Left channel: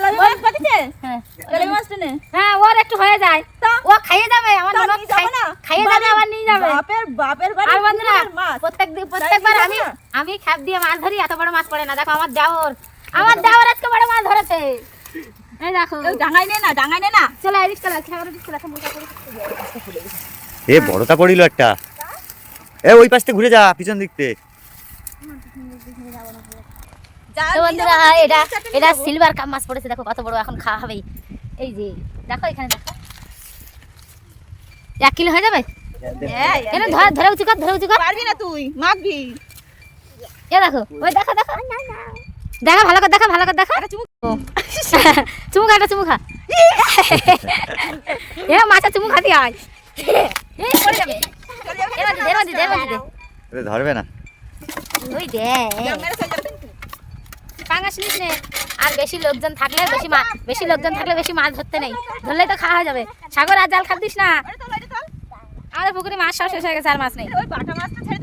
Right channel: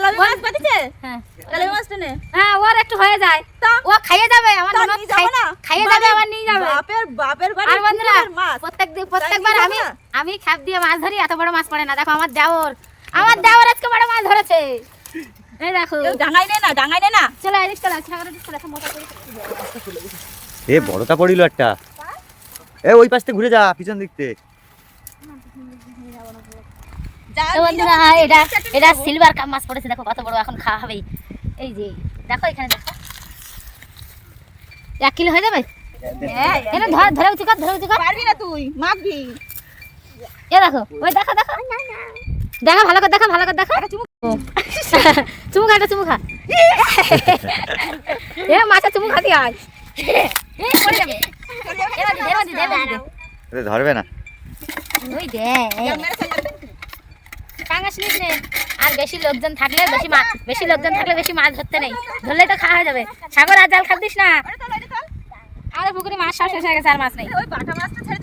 তেলাপি মাছ পাঠিয়েছে? হ্যাঁ তেলাপি মাছটা নে। হ্যাঁ ওর একটু হয়ে যায়, ও খাইয়ে যাবে আমার তা ননদ, নিয়ে যাবো না? খাইয়ে যাবে আমার নিয়ে যাবে। বাপের বাড়ি আর বন্ধুরা পুকুরের মাছ। প্রত্যেকবার তাই আমি নিয়ে যাবো আমি খ্যাপ দিয়ে মাছ ধরি, এত বড় মাছ পড়ে না। দেখো আমার দেওর আজকে বড় মাছ ধরেছে, এই দেখো। ডাঙাই নে না, ডাঙাই নে না। চলো এদিক চলে আসি, সাগরের দিক চলে আসো, মোটা করে। এ বড়টা পড়িল একটা। এ ওই পাশে ঘুরে যা, পিছন দিকতে। তো বন্ধুরা এটা সিলভার কাপ মাছ পড়েছে, দেখো কত বড়, এখন খাওয়া হবে। এই যে দেখো এখানে দেখো 1 কিলো হয়ে যাবে। এটা ধরে উঁচু কর, ধরে উঁচু কর। পারবি না তুই, মাখবি। এ দেখো, ওই দেখো দেখো দেখো, ভালো করে দেখো, ভালো করে দেখো। চুমু খা, চুমু খা। এ মাছা চুমু খাতি হয়। ধরবে না। ওই দে টাঙ্গাস নিস নে। আর বেশি লোকজন থাকলে বেশি মাছ ধরতে নেই, ধরলে তো খাওয়া হয়ে যাবে। সাগর আর জাল খাদিস না, আমাদের পুকুরে মাছ সব শেষ হয়ে গেছে, আর মাছ নেই। ওই বাটা মাছটা ছেড়ে